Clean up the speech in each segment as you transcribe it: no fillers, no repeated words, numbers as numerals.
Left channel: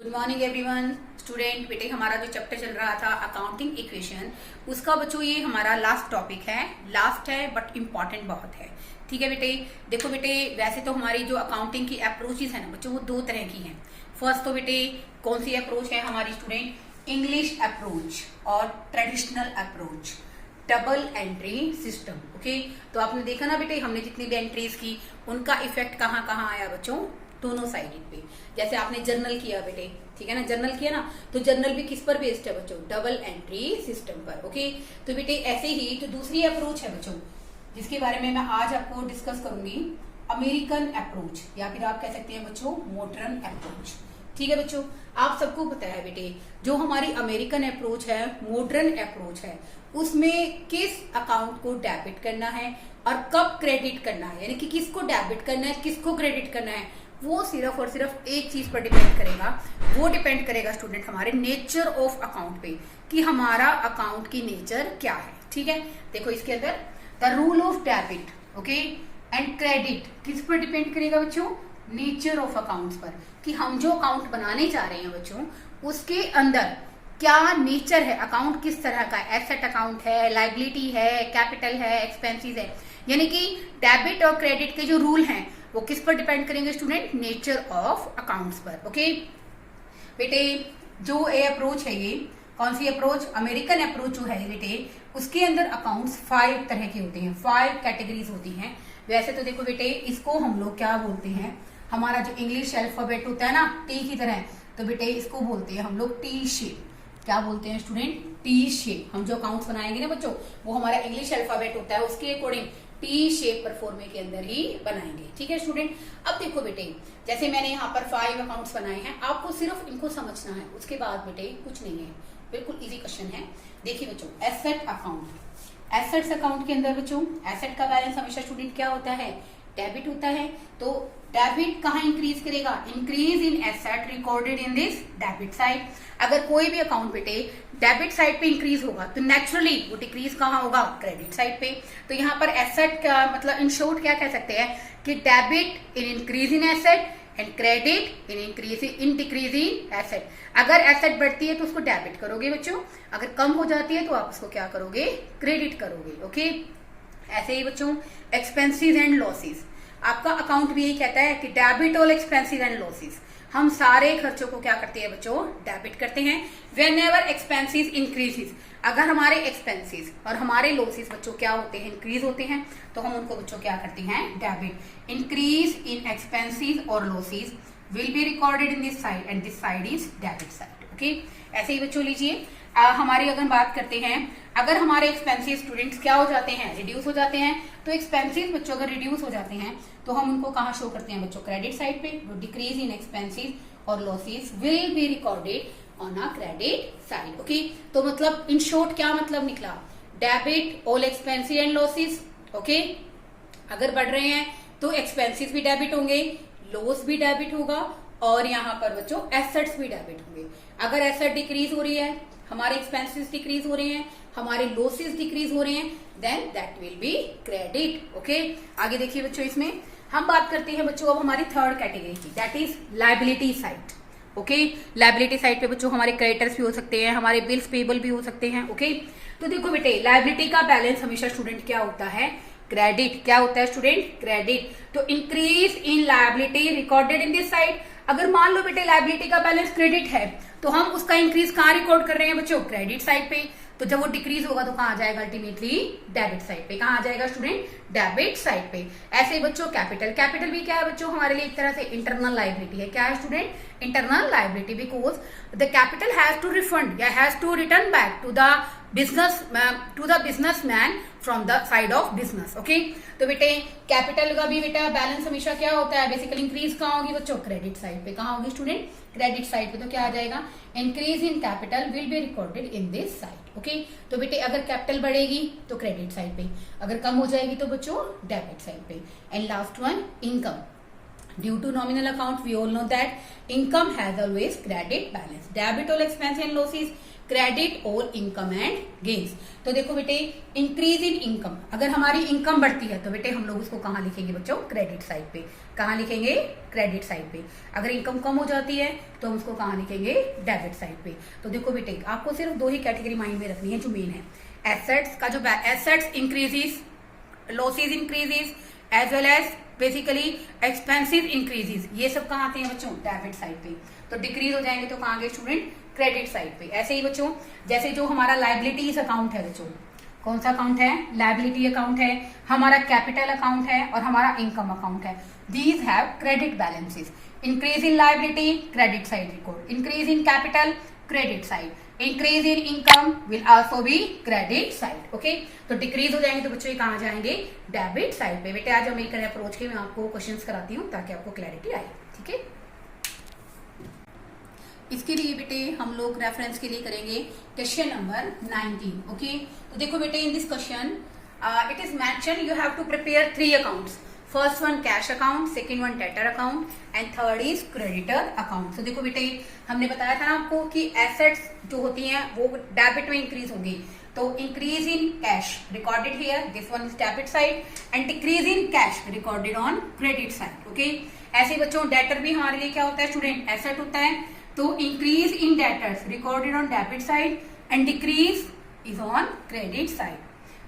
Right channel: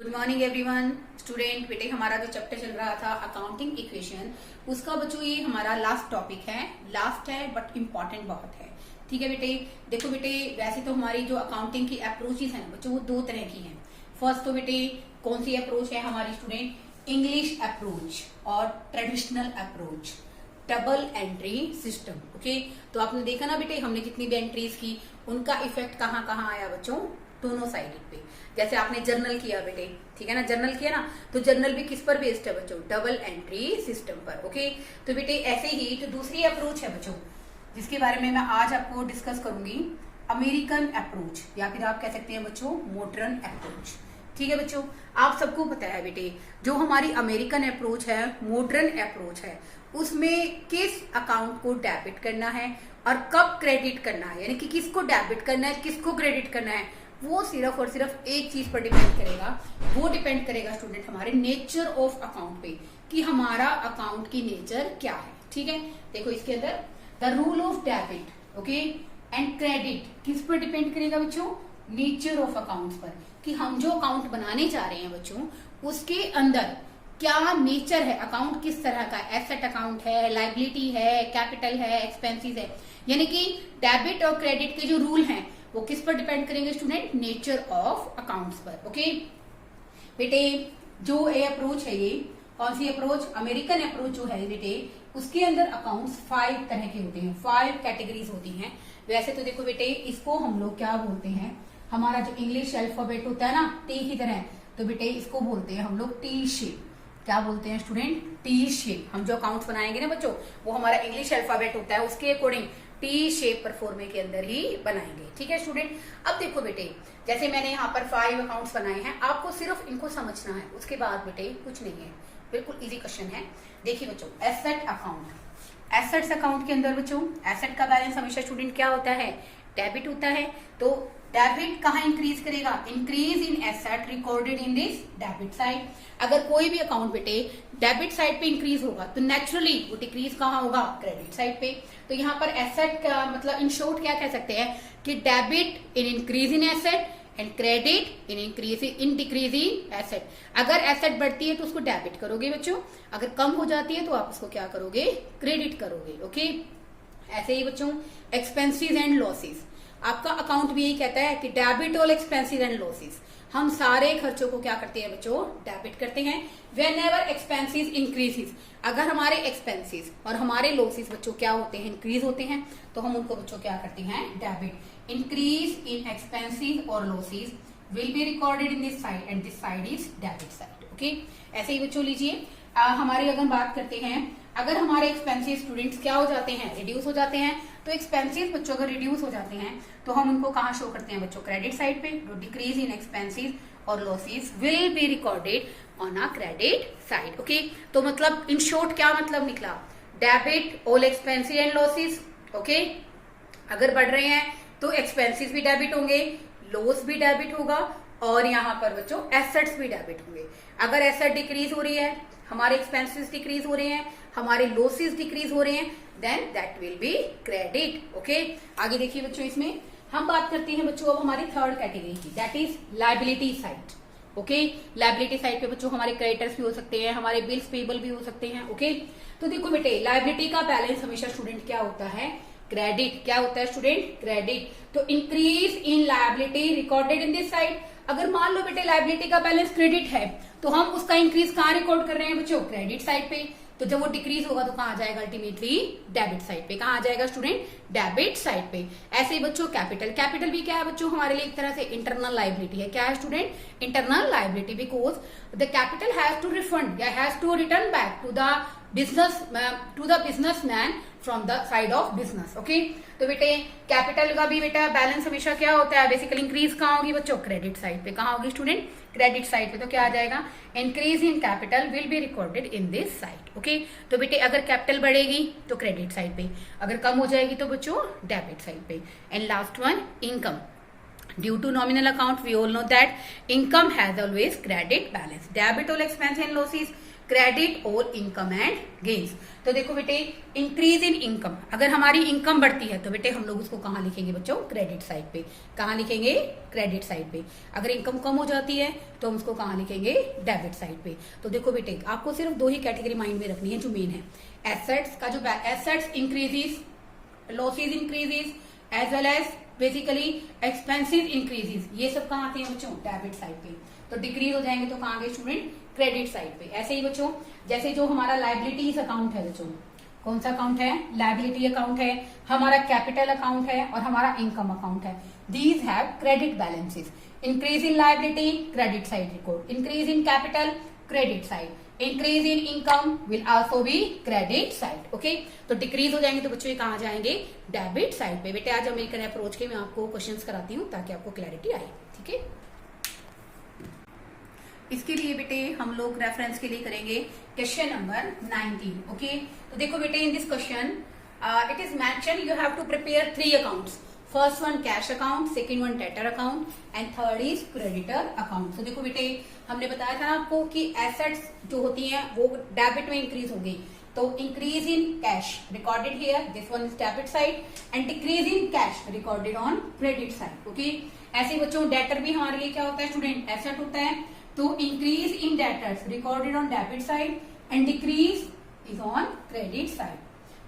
Good morning everyone student. बेटे हमारा जो चैप्टर चल रहा था अकाउंटिंग इक्वेशन, उसका बच्चों ये हमारा लास्ट टॉपिक है। लास्ट है बट इम्पॉर्टेंट बहुत है। ठीक है बेटे, देखो बेटे वैसे तो हमारी जो अकाउंटिंग की अप्रोचेस है ना बच्चों, वो दो तरह की हैं। फर्स्ट तो बेटे कौन सी अप्रोच है हमारी स्टूडेंट, इंग्लिश अप्रोच और traditional approach, double entry system. Okay, तो आपने देखा ना बेटे हमने जितनी भी एंट्रीज की उनका इफेक्ट कहाँ कहाँ आया बच्चों, दोनों साइडेड पे। जैसे आपने जर्नल किया बेटे, ठीक है ना, जर्नल किया ना, तो जर्नल भी किस पर बेस्ड है बच्चों, डबल एंट्री सिस्टम पर। ओके, तो बेटे ऐसे ही जो दूसरी अप्रोच है बच्चों, जिसके बारे में मैं आज आपको डिस्कस करूंगी, अमेरिकन अप्रोच, या फिर आप कह सकते हैं बच्चों मॉडर्न अप्रोच। ठीक है बच्चों, आप सबको पता है बेटे जो हमारी अमेरिकन अप्रोच है, मॉडर्न अप्रोच है, उसमें किस अकाउंट को डेबिट करना है और कब क्रेडिट करना है, यानी कि किसको डेबिट करना है किसको क्रेडिट करना है, वो सिर्फ और सिर्फ एक चीज पर डिपेंड करेगा। वो डिपेंड करेगा स्टूडेंट हमारे नेचर ऑफ अकाउंट पे, कि हमारा अकाउंट की नेचर क्या है। ठीक है, देखो इसके अंदर the rule of debit okay and credit किस पर डिपेंड करेगा बच्चों, नेचर ऑफ अकाउंट्स पर, कि हम जो अकाउंट बनाने जा रहे हैं बच्चों उसके अंदर क्या नेचर है, अकाउंट किस तरह का है, एसेट अकाउंट है, लाइबिलिटी है, कैपिटल है, एक्सपेंसेस है। यानी कि डेबिट और क्रेडिट के जो रूल हैं वो किस पर डिपेंड करेंगे स्टूडेंट, नेचर ऑफ अकाउंट्स पर। ओके बेटे, जो ये अप्रोच है, ये कौन सी अप्रोच, अमेरिकन अप्रोच जो है बेटे, उसके अंदर अकाउंट्स 5 तरह के होते हैं, 5 कैटेगरीज होती हैं। वैसे तो देखो बेटे इसको हम लोग क्या बोलते हैं, हमारा जो इंग्लिश अल्फाबेट होता है ना टी की तरह, तो बेटे इसको बोलते हैं हम लोग टी शेप। क्या बोलते हैं स्टूडेंट, टी शेप। हम जो अकाउंट्स बनाएंगे ना बच्चों, वो हमारा इंग्लिश अल्फाबेट होता है, उसके अकॉर्डिंग टी शेप पर फॉर्मे के अंदर ही बनाएंगे। ठीक है स्टूडेंट, अब देखो बेटे जैसे मैंने यहाँ पर 5 अकाउंट्स बनाए हैं, आपको सिर्फ इनको समझना है, उसके बाद बेटे कुछ नहीं है, बिल्कुल इजी क्वेश्चन है। देखिए बच्चों, एसेट अकाउंट, एसेट्स अकाउंट के अंदर बच्चों एसेट का बैलेंस हमेशा स्टूडेंट क्या होता है, डेबिट होता है। तो डेबिट कहाँ इंक्रीज करेगा, increase in asset recorded in this debit side. अगर कोई भी अकाउंट बेटे डेबिट साइड पे इंक्रीज होगा तो नेचुरली वो डिक्रीज कहाँ होगा, क्रेडिट साइड पे। तो यहाँ पर एसेट का मतलब इन शॉर्ट क्या कह सकते हैं कि debit in increase in asset and credit in increase in decrease in asset. अगर एसेट बढ़ती है तो उसको डेबिट करोगे बच्चों, अगर कम हो जाती है तो आप उसको क्या करोगे, क्रेडिट करोगे। ओके, ऐसे ही बच्चों एक्सपेंसेस एंड लॉसेस, आपका अकाउंट भी यही कहता है कि debit all expenses and losses. हम सारे खर्चों को क्या करते हैं बच्चों, डेबिट करते हैं। वेन एवर एक्सपेंसेस इंक्रीजेस, अगर हमारे एक्सपेंसेस और हमारे लॉसेस बच्चों क्या होते हैं, इंक्रीज होते हैं, तो हम उनको बच्चों क्या करते हैं, डेबिट। इंक्रीज इन एक्सपेंसेस और losses will be recorded in this side and this side is debit side. Okay, ऐसे ही बच्चों लीजिए हमारी अगर बात करते हैं, अगर हमारे एक्सपेंसेस स्टूडेंट्स क्या हो जाते हैं, रिड्यूस हो जाते हैं, तो एक्सपेंसेस बच्चों अगर रिड्यूस हो जाते हैं तो हम उनको कहाँ शो करते हैं बच्चों, क्रेडिट साइड पे। डिक्रीज इन एक्सपेंसेस और losses will be recorded on a credit side. Okay, तो मतलब इन शॉर्ट क्या मतलब निकला, debit all expenses and losses. Okay, अगर बढ़ रहे हैं तो एक्सपेंसेस भी डेबिट होंगे, लॉस भी डेबिट होगा, और यहाँ पर बच्चों एसेट्स भी डेबिट होंगे। अगर एसेट डिक्रीज हो रही है, हमारे एक्सपेंसेस डिक्रीज हो रहे हैं, हमारे लॉसेस डिक्रीज हो रहे हैं, then that will be credit. Okay, आगे देखिए बच्चों, इसमें हम बात करते हैं बच्चों अब हमारी थर्ड कैटेगरी की, that is liability side. Okay, liability side पे बच्चों हमारे क्रेडिटर्स भी हो सकते हैं, हमारे बिल्स पेबल भी हो सकते हैं। ओके, तो देखो बेटे लायबिलिटी का बैलेंस हमेशा स्टूडेंट क्या होता है, क्रेडिट। क्या होता है स्टूडेंट, क्रेडिट। तो increase in liability recorded in this side. अगर मान लो बेटे लायबिलिटी का बैलेंस क्रेडिट है तो हम उसका इंक्रीज कहाँ रिकॉर्ड कर रहे हैं बच्चों, क्रेडिट साइड पे। तो जब वो डिक्रीज होगा तो कहाँ आ जाएगा, अल्टीमेटली डेबिट साइड पे। कहाँ आ जाएगा स्टूडेंट, डेबिट साइड पे। ऐसे ही बच्चों कैपिटल, कैपिटल भी क्या है बच्चों, हमारे लिए एक तरह से इंटरनल लायबिलिटी है। क्या है student, internal liability, because the capital has to refund या has to return back to the businessman from the side of business. Okay, तो बेटे कैपिटल का भी बेटा बैलेंस हमेशा क्या होता है, बेसिकली इंक्रीज कहाँ होगी बच्चों, क्रेडिट साइड पे। कहाँ होगी स्टूडेंट, क्रेडिट साइड पे। तो क्या आ जाएगा, increase in capital will be recorded in this side. Okay, तो बेटे अगर कैपिटल बढ़ेगी तो क्रेडिट साइड पे, अगर कम हो जाएगी तो बच्चों डेबिट साइड पे। And last one, income. Due to nominal account, we all know that income has always credit balance. Debit all expense and losses credit और इनकम एंड गेन्स। तो देखो बेटे, इंक्रीज इन इनकम, अगर हमारी income बढ़ती है तो बेटे हम लोग उसको कहाँ लिखेंगे बच्चों? क्रेडिट साइड पे। कहाँ लिखेंगे? क्रेडिट साइड पे। अगर इनकम कम हो जाती है तो हम उसको कहाँ लिखेंगे? डेबिट साइड पे। तो देखो बेटे, आपको सिर्फ दो ही कैटेगरी माइंड में रखनी है जो मेन है। एसेट्स का जो assets increases, losses increases, as well as basically expensive increases, ये सब कहाँ आते हैं बच्चों? डेबिट साइड पे। तो डिक्रीज हो जाएंगे तो कहाँ गए स्टूडेंट? क्रेडिट साइड पे। ऐसे ही बच्चों, जैसे जो हमारा लायबिलिटीज अकाउंट है बच्चों, कौन सा अकाउंट है? लायबिलिटी अकाउंट है, हमारा कैपिटल अकाउंट है और हमारा इनकम अकाउंट है। These have credit balances. Increase in liability, credit side record. Increase in capital, credit side. Increase in income will also be credit side. Okay, तो decrease हो जाएंगे तो बच्चों ये कहाँ जाएंगे? डेबिट साइड पे। बेटे आज अमेरिकन अप्रोच के मैं आपको क्वेश्चंस कराती हूँ ताकि आपको क्लैरिटी आए। ठीक है, इसके लिए बेटे हम लोग रेफरेंस के लिए करेंगे क्वेश्चन नंबर 19। ओके, तो देखो बेटे, in this question it is mention you have to prepare 3 accounts. First one cash account, second one debtor account and third is creditor account. तो देखो बेटे, हमने बताया था ना आपको कि एसेट्स जो होती हैं वो डेबिट में इंक्रीज होंगी। तो increase in cash recorded here, this one is debit side, and decrease in cash recorded on credit side. Okay, ऐसे बच्चों डेटर भी हमारे लिए क्या होता है स्टूडेंट? एसेट होता है। तो increase in debtors recorded on debit side and decrease is on credit side.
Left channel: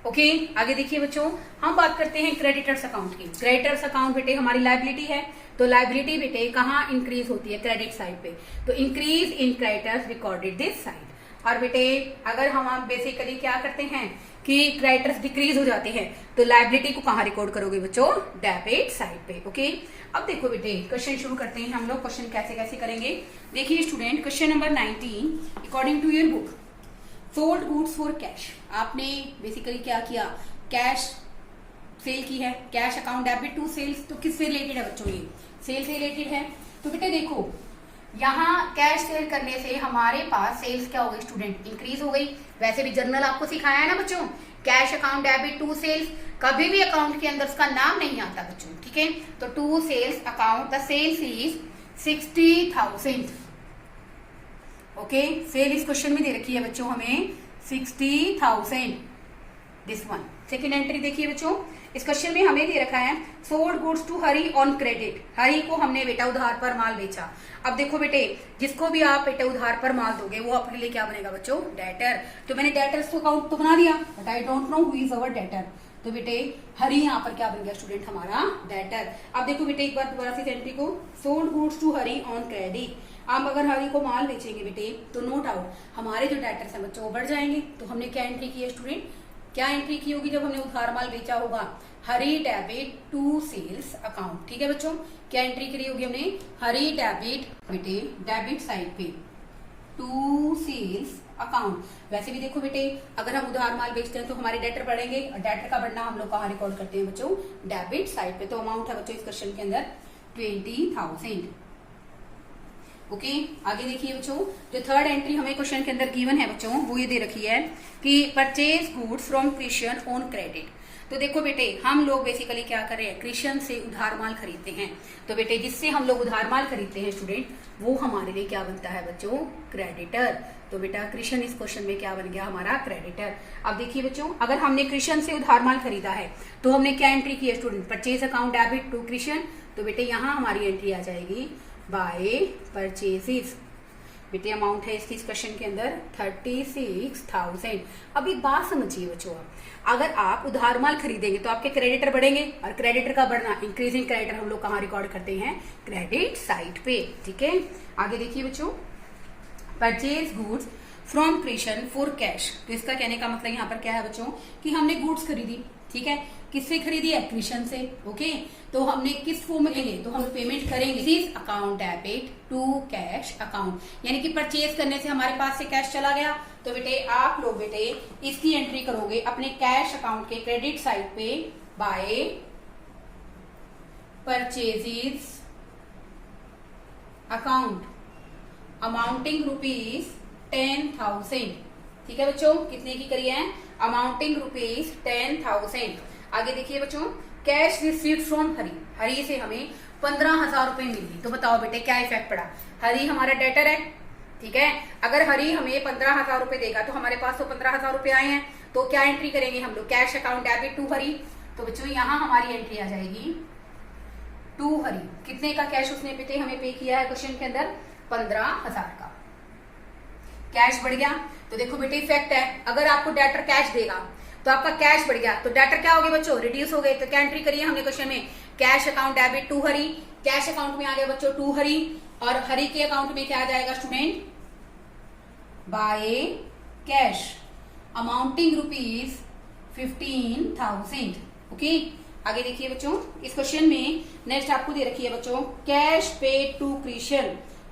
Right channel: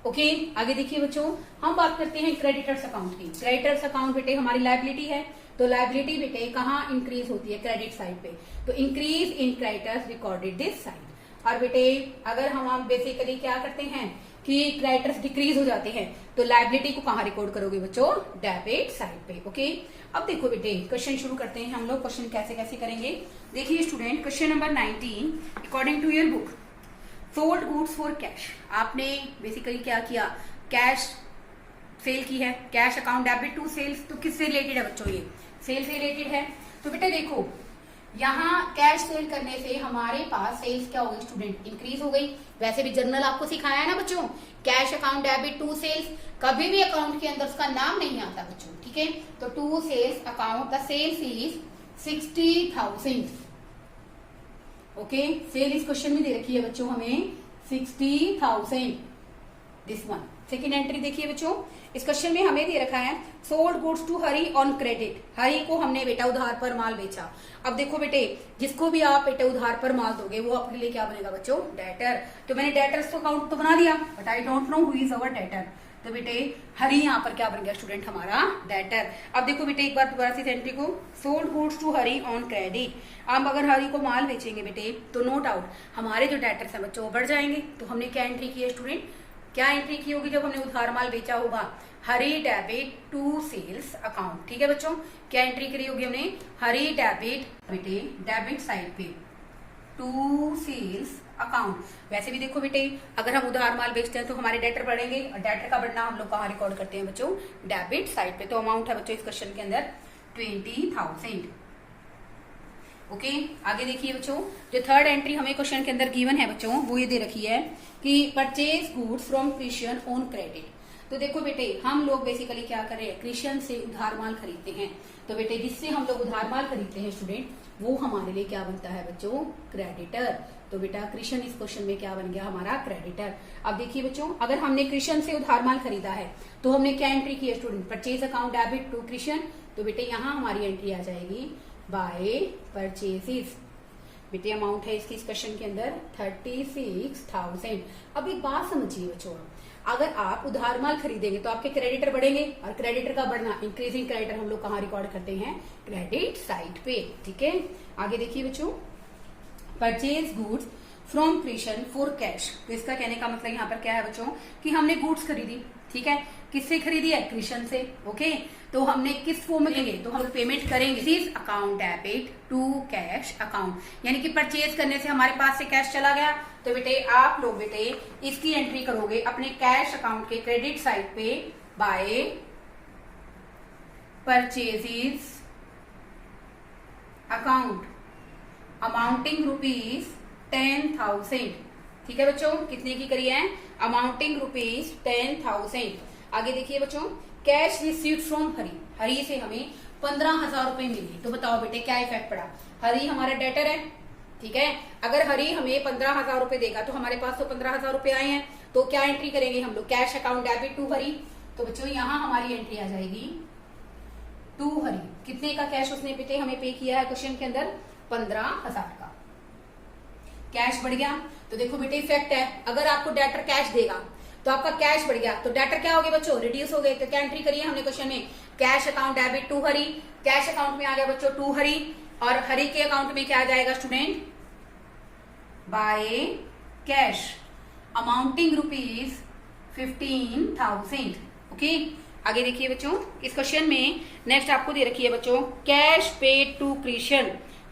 Okay, आगे देखिए बच्चों, हम बात करते हैं क्रेडिटर्स अकाउंट की। क्रेडिटर्स अकाउंट बेटे हमारी लायबिलिटी है, तो लायबिलिटी बेटे कहाँ इंक्रीज होती है? क्रेडिट साइड पे। तो increase in creditors recorded this side. और बेटे अगर हम बेसिकली क्या करते हैं कि क्रेडिटर्स डिक्रीज हो जाते हैं तो लायबिलिटी को कहाँ रिकॉर्ड करोगे बच्चों? डेबिट साइड पे। ओके, अब देखो बेटे क्वेश्चन शुरू करते हैं हम लोग। क्वेश्चन कैसे कैसे करेंगे देखिए student. Question number 19, according to your book, sold goods for cash. आपने बेसिकली क्या किया? कैश सेल की है। Cash account debit to sales, तो किससे रिलेटेड है बच्चों? ये सेल से रिलेटेड है। तो बेटे देखो, यहाँ कैश सेल करने से हमारे पास सेल्स क्या हो गई स्टूडेंट? इंक्रीज हो गई। वैसे भी जर्नल आपको सिखाया है ना बच्चों, cash account debit to sales, कभी भी अकाउंट के अंदर उसका नाम नहीं आता बच्चों। ठीक है, तो to sales account, the sales is 60,000। Okay, sale इस क्वेश्चन में दे रखी है बच्चों हमें 60,000। दिस वन सेकेंड एंट्री देखिए बच्चों, इस क्वेश्चन में हमें दे रखा है sold goods to Hari on credit. Hari को हमने बेटा उधार पर माल बेचा। अब देखो बेटे, जिसको भी आप बेटे उधार पर माल दोगे वो अपने लिए क्या बनेगा बच्चों? डेटर। तो मैंने डेटर्स अकाउंट तो बना दिया, but I don't know who is our debtor. तो बेटे हरी यहाँ पर क्या बन गया स्टूडेंट? हमारा डेटर। अब देखो बेटे एक बार दोबारा से एंट्री को, sold goods to Hari on credit. आप अगर हरी को माल बेचेंगे बेटे तो नो डाउट हमारे जो डेटर्स हैं बच्चों वो बढ़ जाएंगे। तो हमने क्या एंट्री की है स्टूडेंट? क्या एंट्री की होगी जब हमने उधार माल बेचा होगा? हरी डेबिट टू सेल्स अकाउंट। ठीक है बच्चों, क्या एंट्री करी होगी हमने? हरी डेबिट बेटे डेबिट साइड पे टू सेल्स अकाउंट। वैसे भी देखो बेटे, अगर हम उधार माल बेचते हैं तो हमारे डेटर बढ़ेंगे, और डेटर का बढ़ना हम लोग कहाँ रिकॉर्ड करते हैं बच्चों? डेबिट साइड पे। तो अमाउंट है बच्चों इस क्वेश्चन के अंदर 20,000। ओके, आगे देखिए बच्चों, जो थर्ड एंट्री हमें क्वेश्चन के अंदर गिवन है बच्चों वो ये दे रखी है कि purchase goods from Christian on credit. तो देखो बेटे, हम लोग बेसिकली क्या कर रहे हैं? क्रिश्चियन से उधार माल खरीदते हैं। तो बेटे जिससे हम लोग उधार माल खरीदते हैं स्टूडेंट, वो हमारे लिए क्या बनता है बच्चों? क्रेडिटर। तो बेटा क्रिश्चियन इस क्वेश्चन में क्या बन गया? हमारा क्रेडिटर। अब देखिए बच्चों, अगर हमने क्रिश्चियन से उधार माल खरीदा है तो हमने क्या एंट्री की है student? Purchase account debit to Christian. तो बेटे यहाँ हमारी एंट्री आ जाएगी बाय परचेजेस। बेटे अमाउंट है इसकी इस क्वेश्चन के अंदर 36,000। अब एक बात समझिए बच्चों, अगर आप उधार माल खरीदेंगे तो आपके क्रेडिटर बढ़ेंगे, और क्रेडिटर का बढ़ना, इंक्रीजिंग क्रेडिटर हम लोग कहाँ रिकॉर्ड करते हैं? क्रेडिट साइड पे। ठीक है, आगे देखिए बच्चों, purchase goods from Christian for cash. तो इसका कहने का मतलब यहाँ पर क्या है बच्चों कि हमने गुड्स खरीदी। ठीक है, किससे खरीदी है? क्रिश्चियन से। ओके, तो हमने किस फॉर्म में लेंगे? तो हम पेमेंट करेंगे this account debit to cash account, यानी कि परचेज करने से हमारे पास से कैश चला गया। तो बेटे आप लोग बेटे इसकी एंट्री करोगे अपने कैश अकाउंट के क्रेडिट साइड पे बाय परचेजेस अकाउंट अमाउंटिंग ₹10,000। ठीक है बच्चों, कितने की करी है? अमाउंटिंग ₹10,000। आगे देखिए बच्चों, कैश रिसीव्ड फ्रॉम हरी। हरी से हमें 15,000 रुपए मिली। तो बताओ बेटे क्या इफेक्ट पड़ा? हरी हमारा डेटर है, ठीक है। अगर हरी हमें 15,000 रुपए देगा तो हमारे पास तो 15,000 रुपए आए हैं, तो क्या एंट्री करेंगे हम लोग, कैश अकाउंट डेबिट टू हरी। तो बच्चों यहाँ हमारी एंट्री आ जाएगी टू हरी। कितने का कैश उसने बेटे हमें पे किया है क्वेश्चन के अंदर, 15,000 का कैश बढ़ गया। तो देखो बेटे इफेक्ट है, अगर आपको डेटर कैश देगा तो आपका कैश बढ़ गया, तो डेटर क्या हो गए बच्चों, रिड्यूस हो गए। तो क्या एंट्री करी है हमने क्वेश्चन में, cash account debit to Hari. Cash account में आ गया बच्चों टू हरी, और हरी के अकाउंट में क्या आ जाएगा student, by cash amounting rupees 15,000। Okay, आगे देखिए बच्चों, इस क्वेश्चन में नेक्स्ट आपको दे रखी है बच्चों, कैश पेड टू कृष्ण।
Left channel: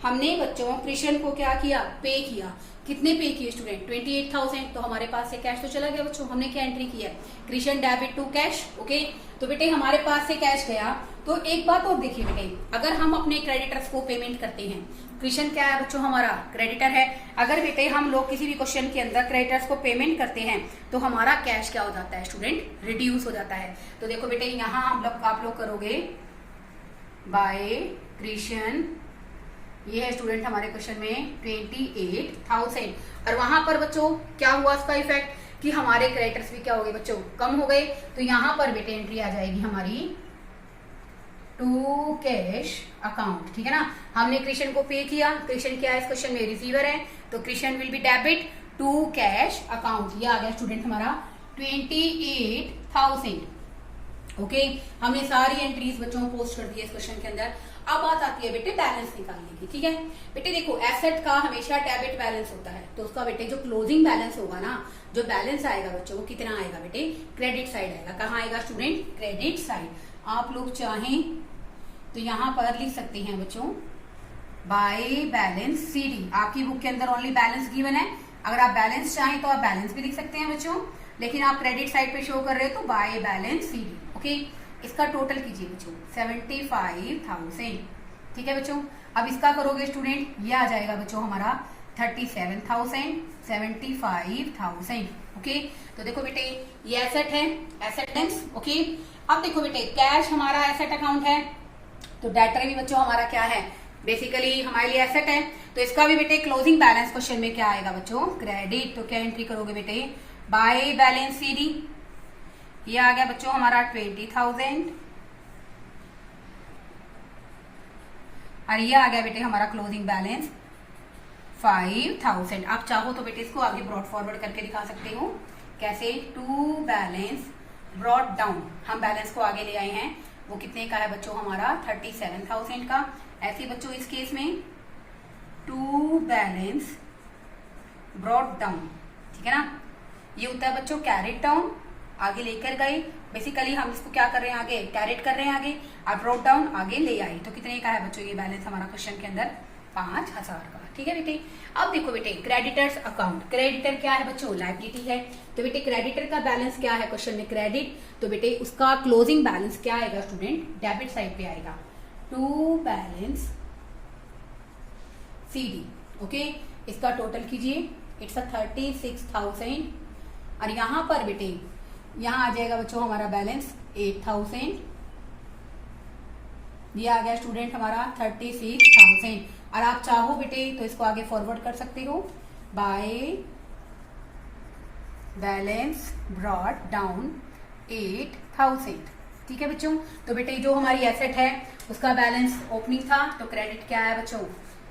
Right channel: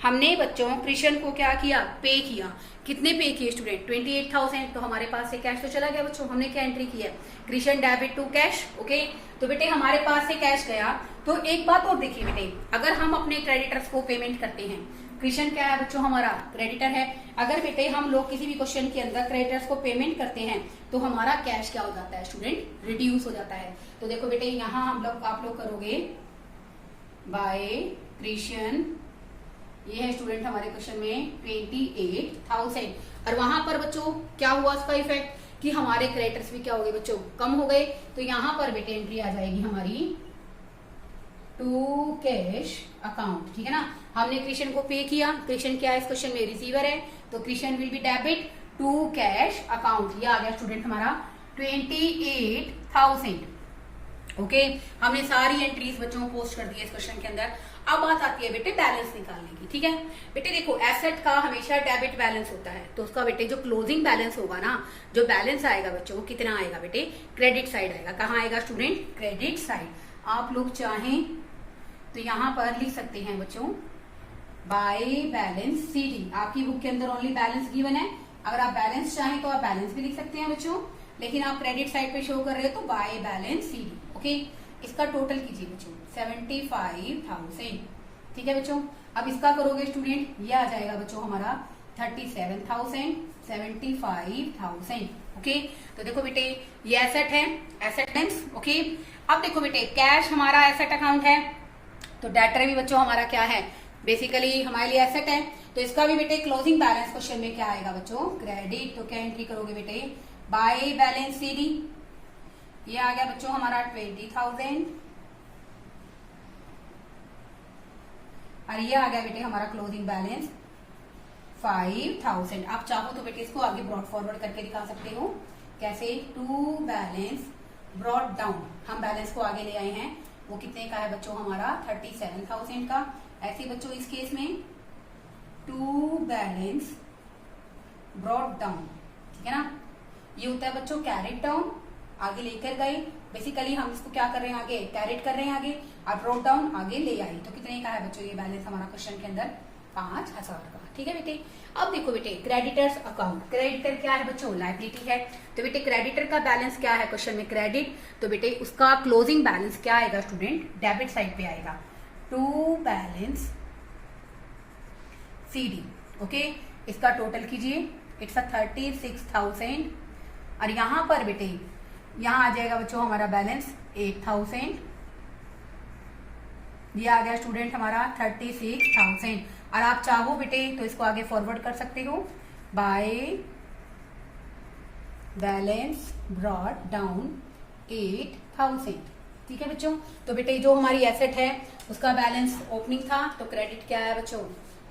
हमने बच्चों कृष्ण को क्या किया, पे किया। कितने पे किए स्टूडेंट, 28,000। तो हमारे पास से कैश तो चला गया बच्चों, हमने क्या एंट्री की है, Krishna debit to cash. Okay, तो बेटे हमारे पास से कैश गया। तो एक बात और देखिए बेटे, अगर हम अपने क्रेडिटर्स को पेमेंट करते हैं, कृष्ण क्या है बच्चों, हमारा क्रेडिटर है। अगर बेटे हम लोग किसी भी क्वेश्चन के अंदर क्रेडिटर्स को पेमेंट करते हैं तो हमारा कैश क्या हो जाता है स्टूडेंट, रिड्यूस हो जाता है। तो देखो बेटे यहाँ हम लोग आप लोग करोगे बाय कृष्ण, ये है स्टूडेंट हमारे क्वेश्चन में 28,000, और वहां पर बच्चों क्या हुआ उसका इफेक्ट कि हमारे क्रेडिटर्स भी क्या हो गए बच्चों, कम हो गए। तो यहाँ पर बेटे एंट्री आ जाएगी हमारी टू कैश अकाउंट, ठीक है ना। हमने कृष्ण को पे किया, कृष्ण क्या है इस क्वेश्चन में, रिसीवर है, तो Krishna will be debit to cash account. ये आ गया स्टूडेंट हमारा 28,000। ओके, हमने सारी एंट्रीज बच्चों को पोस्ट कर दी है इस क्वेश्चन के अंदर। अब बात आती है बेटे बैलेंस निकालने की, ठीक है। बेटे देखो एसेट का हमेशा डेबिट बैलेंस होता है, तो उसका बेटे जो क्लोजिंग बैलेंस होगा ना, जो बैलेंस आएगा बच्चों वो कितना आएगा बेटे, क्रेडिट साइड आएगा। कहाँ आएगा स्टूडेंट, क्रेडिट साइड। आप लोग चाहें तो यहाँ पर लिख सकते हैं बच्चों बाय बैलेंस सीडी। आपकी बुक के अंदर ओनली बैलेंस गिवन है, अगर आप बैलेंस चाहें तो आप बैलेंस भी लिख सकते हैं बच्चों, लेकिन आप क्रेडिट साइड पे शो कर रहे हो तो बाय बैलेंस सीडी। ओके, इसका टोटल कीजिए बच्चों 75,000, ठीक है बच्चों। अब इसका करोगे स्टूडेंट, ये आ जाएगा बच्चों हमारा 37,000, 75,000। ओके, तो देखो बेटे ये एसेट है, एसेट लेंस। ओके, अब देखो बेटे कैश हमारा एसेट अकाउंट है, तो डेटर भी बच्चों हमारा क्या है, बेसिकली हमारे लिए एसेट है। तो इसका भी बेटे क्लोजिंग बैलेंस क्वेश्चन में क्या आएगा बच्चों, क्रेडिट। तो क्या एंट्री करोगे बेटे, बाय बैलेंस सीडी। ये आ गया बच्चों हमारा 20,000, और ये आ गया बेटे हमारा क्लोजिंग बैलेंस 5,000। आप चाहो तो बेटे इसको आगे ब्रॉड फॉरवर्ड करके दिखा सकते हो, कैसे, टू बैलेंस ब्रॉड डाउन। हम बैलेंस को आगे ले आए हैं, वो कितने का है बच्चों हमारा 37,000 का। ऐसे बच्चों इस केस में टू बैलेंस ब्रॉड डाउन, ठीक है ना। ये होता है बच्चों कैरेट डाउन, आगे लेकर गए। बेसिकली हम इसको क्या कर रहे हैं, आगे कैरेट कर रहे हैं आगे, और ब्रॉड डाउन आगे ले आए। तो कितने का है बच्चों ये बैलेंस हमारा क्वेश्चन के अंदर, 5,000 का, ठीक है बेटे। अब देखो बेटे क्रेडिटर्स अकाउंट, क्रेडिटर क्या है बच्चों, लायबिलिटी है। तो बेटे क्रेडिटर का बैलेंस क्या है क्वेश्चन में, क्रेडिट। तो बेटे उसका क्लोजिंग बैलेंस क्या आएगा स्टूडेंट, डेबिट साइड पे आएगा, टू बैलेंस सीडी। ओके, इसका टोटल कीजिए, इट्स 36,000, और यहां पर बेटे यहां आ जाएगा बच्चों हमारा बैलेंस 8,000। ये आ गया स्टूडेंट हमारा 36,000, और आप चाहो बेटे तो इसको आगे फॉरवर्ड कर सकते हो बाय बैलेंस ब्रॉड डाउन 8,000, ठीक है बच्चों। तो बेटे जो हमारी एसेट है उसका बैलेंस ओपनिंग था, तो क्रेडिट क्या आया बच्चों,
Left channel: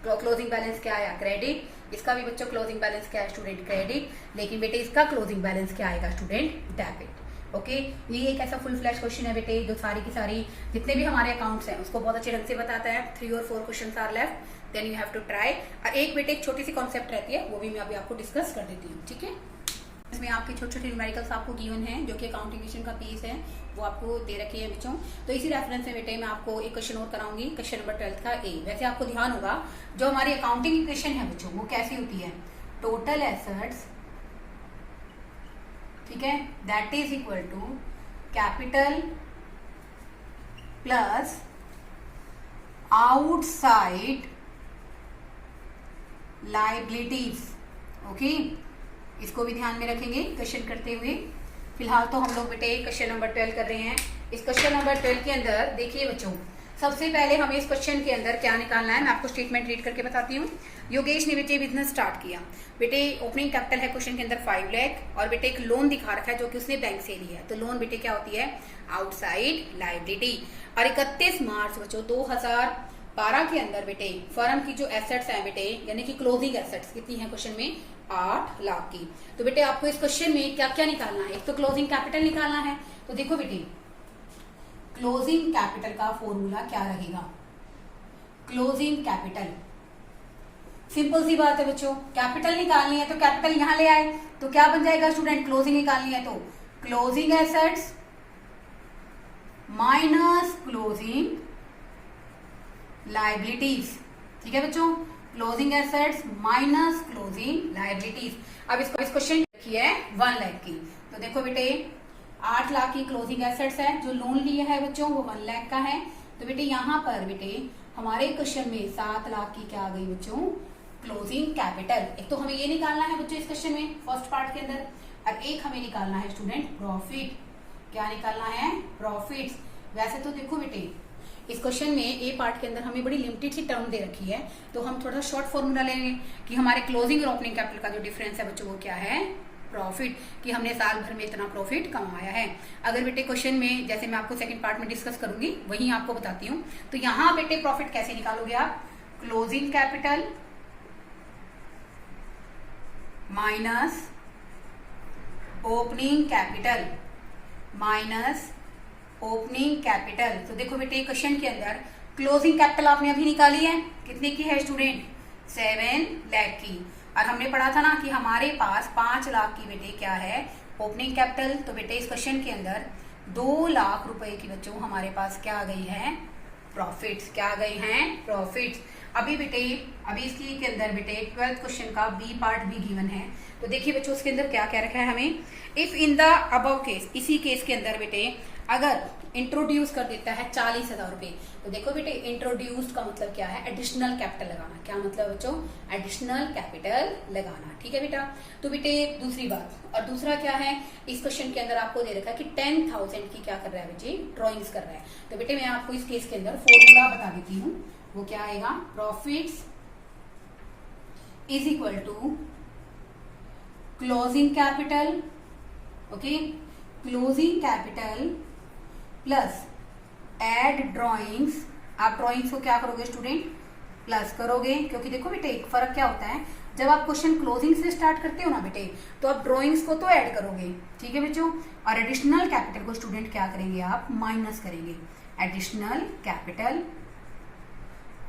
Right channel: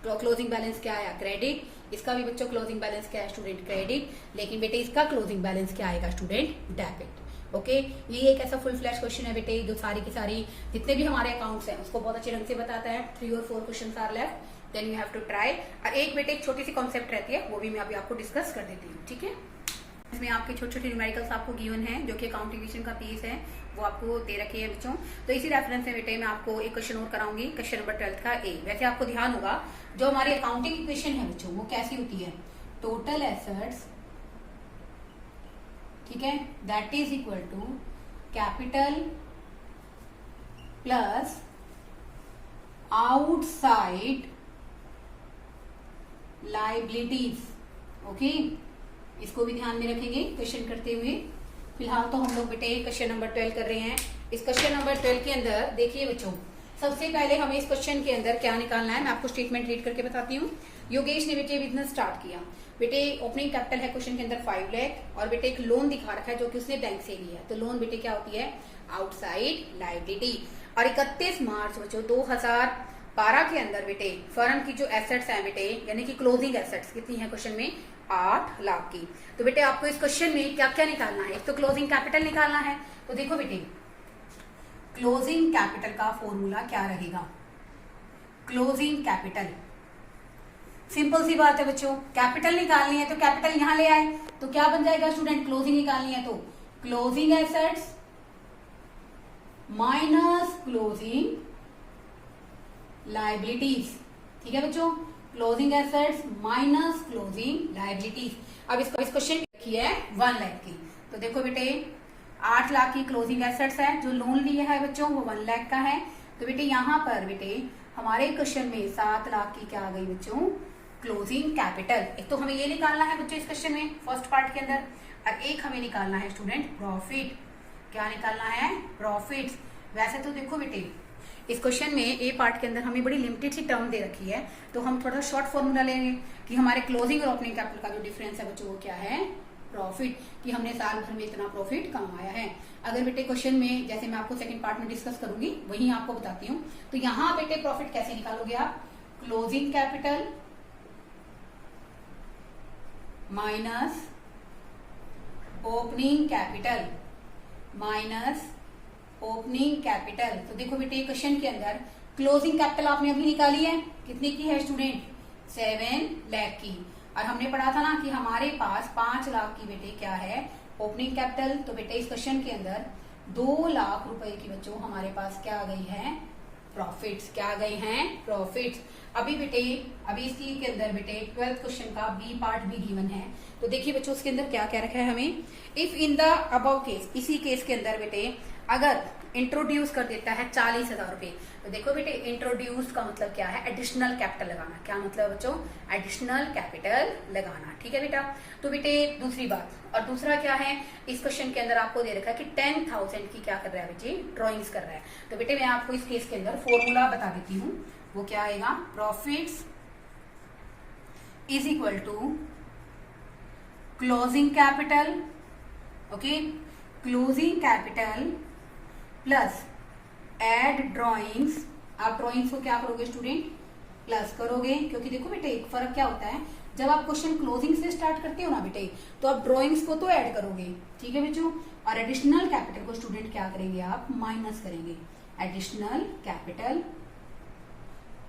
क्लोजिंग बैलेंस क्या आया, क्रेडिट। इसका भी बच्चों क्लोजिंग बैलेंस क्या है स्टूडेंट, क्रेडिट। लेकिन बेटे इसका क्लोजिंग बैलेंस क्या आएगा स्टूडेंट, डेबिट। ओके, ये एक ऐसा फुल फ्लैश क्वेश्चन है बेटे जो सारी की सारी जितने भी हमारे अकाउंट्स हैं उसको बहुत अच्छे ढंग से बताता है। 3 और 4 question are left, then you have to try. और एक बेटे एक छोटी सी कॉन्सेप्ट रहती है, वो भी मैं अभी आपको डिस्कस कर देती हूँ, ठीक है। इसमें आपके छोटे छोटे न्यूमेरिकल्स आपको गिवन है, जो कि अकाउंटिंग इक्वेशन का पीस है, वो आपको दे रखी है बच्चों। तो इसी रेफरेंस में बेटे मैं आपको एक क्वेश्चन और कराऊंगी, क्वेश्चन नंबर 12 का ए। वैसे आपको ध्यान होगा जो हमारी अकाउंटिंग इक्वेशन है बच्चों वो कैसी होती है, टोटल एसेट्स, ठीक है, that is equal to capital plus outside liabilities. Okay, इसको भी ध्यान में रखेंगे क्वेश्चन करते हुए। फिलहाल तो हम लोग बेटे क्वेश्चन नंबर 12 कर रहे हैं। इस क्वेश्चन नंबर 12 के अंदर देखिए बच्चों, सबसे पहले हमें इस क्वेश्चन के अंदर क्या निकालना है, मैं आपको स्टेटमेंट रीड करके बताती हूँ। योगेश ने बेटे बिजनेस स्टार्ट किया। बेटे ओपनिंग कैपिटल है क्वेश्चन के अंदर 5 लाख और बेटे एक लोन दिखा रखा है जो कि उसने बैंक से लिया है। तो लोन बेटे क्या होती है, आउटसाइड लायबिलिटी। और 31 मार्च बच्चों 2012 के अंदर बेटे फर्म की जो एसेट्स हैं बेटे यानी कि क्लोजिंग एसेट्स कितनी है क्वेश्चन में, 8 लाख की। तो बेटे आपको इस क्वेश्चन में क्या क्या निकालना है, एक तो क्लोजिंग कैपिटल निकालना है। तो देखो बेटे क्लोजिंग कैपिटल का फॉर्मूला क्या रहेगा, क्लोजिंग कैपिटल सिंपल सी बात है बच्चों, कैपिटल निकालनी है तो कैपिटल यहां ले आए तो क्या बन जाएगा स्टूडेंट, क्लोजिंग निकालनी है तो closing assets minus closing liabilities. ठीक है बच्चों, closing assets minus closing liabilities. अब इसको इस क्वेश्चन की है 1 लाख की। तो देखो बेटे 8 लाख की क्लोजिंग एसेट्स है, जो लोन लिया है बच्चों वो 1 लाख का है। तो बेटे यहाँ पर बेटे हमारे क्वेश्चन में 7 लाख की क्या आ गई बच्चों, क्लोजिंग कैपिटल। एक तो हमें ये निकालना है बच्चों इस क्वेश्चन में फर्स्ट पार्ट के अंदर, और एक हमें निकालना है स्टूडेंट प्रॉफिट। क्या निकालना है, प्रॉफिट्स। वैसे तो देखो बेटे इस क्वेश्चन में ए पार्ट के अंदर हमें बड़ी लिमिटेड सी टर्म दे रखी है, तो हम थोड़ा शॉर्ट फॉर्मूला लेंगे कि हमारे क्लोजिंग और ओपनिंग कैपिटल का जो डिफरेंस है बच्चों वो क्या है, प्रॉफिट, कि हमने साल भर में इतना प्रॉफिट कमाया है। अगर बेटे क्वेश्चन में जैसे मैं आपको सेकंड पार्ट में डिस्कस करूंगी वही आपको बताती हूँ। तो यहाँ बेटे प्रॉफिट कैसे निकालोगे आप, closing capital minus opening capital minus opening capital. तो देखो बेटे क्वेश्चन के अंदर क्लोजिंग कैपिटल आपने अभी निकाली है, कितने की है स्टूडेंट, 7 लाख की। और हमने पढ़ा था ना कि हमारे पास 5 लाख की बेटे क्या है, ओपनिंग कैपिटल। तो बेटे इस क्वेश्चन के अंदर 2 लाख रुपए की बच्चों हमारे पास क्या आ गई है, प्रॉफिट्स। क्या आ गई हैं, प्रॉफिट्स। अभी इसकी के अंदर बेटे 12th क्वेश्चन का बी पार्ट भी गिवन है। तो देखिए बच्चों उसके अंदर क्या क्या रखा है हमें, if in the above case, इसी केस के अंदर बेटे अगर इंट्रोड्यूस कर देता है 40,000 रुपए। तो देखो बेटे इंट्रोड्यूस का मतलब क्या है, एडिशनल कैपिटल लगाना। क्या मतलब बच्चों, एडिशनल कैपिटल लगाना। ठीक है बेटा। तो बेटे दूसरी बात, और दूसरा क्या है, इस क्वेश्चन के अंदर आपको दे रखा है कि 10,000 की क्या कर रहा है बेटे, ड्रॉइंग्स कर रहा है। तो बेटे मैं आपको इस केस के अंदर फॉर्मूला बता देती हूँ, वो क्या आएगा, profits is equal to closing capital, okay, closing capital plus add drawings. आप ड्रॉइंग्स को क्या करोगे स्टूडेंट, प्लस करोगे, क्योंकि देखो बेटे एक फर्क क्या होता है, जब आप क्वेश्चन क्लोजिंग से स्टार्ट करते हो ना बेटे तो आप ड्रॉइंग्स को तो ऐड करोगे। ठीक है बच्चों, और एडिशनल कैपिटल को स्टूडेंट क्या करेंगे, आप माइनस करेंगे। एडिशनल कैपिटल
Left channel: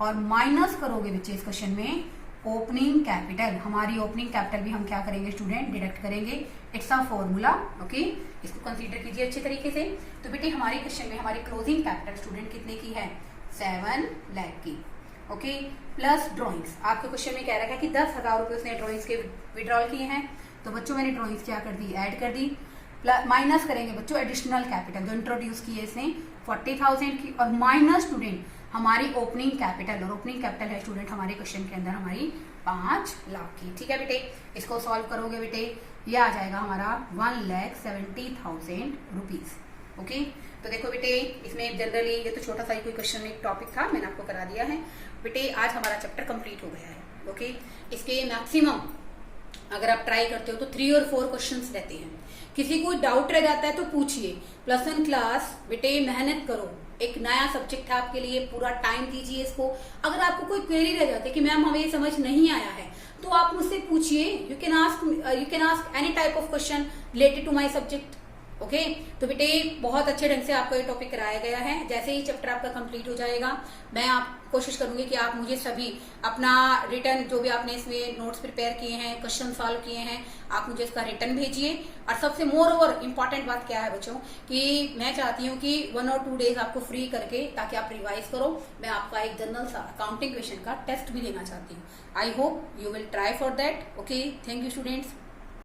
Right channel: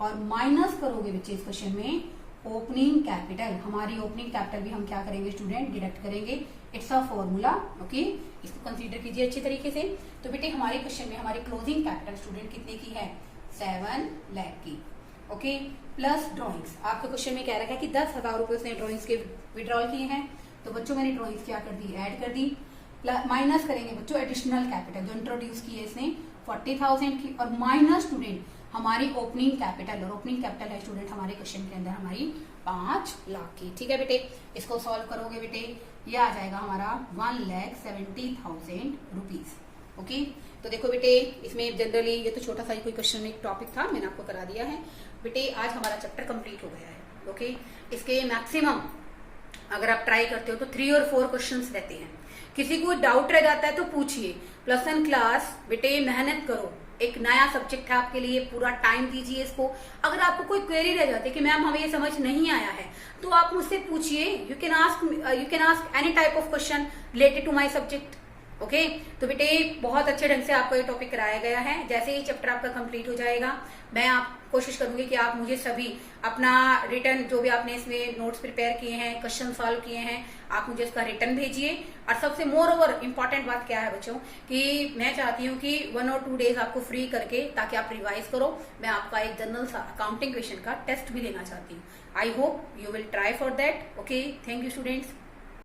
और माइनस करोगे बच्चे इस क्वेश्चन में ओपनिंग कैपिटल। हमारी ओपनिंग कैपिटल भी हम क्या करेंगे स्टूडेंट, डिडक्ट करेंगे। इट्स अ फॉर्मूला, ओके, इसको कंसीडर कीजिए अच्छे तरीके से। तो बेटे हमारे क्वेश्चन में हमारी क्लोजिंग कैपिटल स्टूडेंट कितने की है, 7 लाख की, ओके, प्लस ड्रॉइंग्स। आपके क्वेश्चन में कह रहा है कि 10,000 रुपए उसने ड्रॉइंग्स के विड्रॉल किए हैं। तो बच्चों मैंने ड्रॉइंग्स क्या कर दी, ऐड कर दी। माइनस करेंगे बच्चों एडिशनल कैपिटल जो इंट्रोड्यूस किए इसने 40,000 की, और माइनस स्टूडेंट हमारी ओपनिंग कैपिटल, और ओपनिंग कैपिटल है स्टूडेंट हमारे क्वेश्चन के अंदर हमारी 5 लाख की। ठीक है बेटे, इसको सॉल्व करोगे बेटे ये आ जाएगा हमारा 1,70,000 रुपीज, ओके। तो देखो बेटे इसमें जनरली ये तो छोटा सा ही कोई क्वेश्चन एक टॉपिक था, मैंने आपको करा दिया है बेटे। आज हमारा चैप्टर कंप्लीट हो गया है, ओके। इसके मैक्सिमम अगर आप ट्राई करते हो तो 3 और 4 क्वेश्चंस रहते हैं। किसी को डाउट रह जाता है तो पूछिए। +1 क्लास बेटे मेहनत करो, एक नया सब्जेक्ट है आपके लिए, पूरा टाइम दीजिए इसको। अगर आपको कोई क्वेरी रह जाती है कि मैम हमें ये समझ नहीं आया है तो आप मुझसे पूछिए। You can ask any type of question related to my subject, okay. तो बेटे बहुत अच्छे ढंग से आपको ये टॉपिक कराया गया है। जैसे ही चैप्टर आपका कंप्लीट हो जाएगा मैं आप कोशिश करूंगी कि आप मुझे सभी अपना रिटर्न जो भी आपने इसमें नोट्स प्रिपेयर किए हैं, क्वेश्चन सॉल्व किए हैं, आप मुझे उसका रिटर्न भेजिए। और सबसे मोर ओवर इम्पॉर्टेंट बात क्या है बच्चों कि मैं चाहती हूँ कि 1 और 2 डेज आपको फ्री करके ताकि आप रिवाइज करो। मैं आपका एक जनरल अकाउंटिंग क्वेश्चन का टेस्ट भी लेना चाहती हूँ। I hope you will try for that, okay. Thank you students.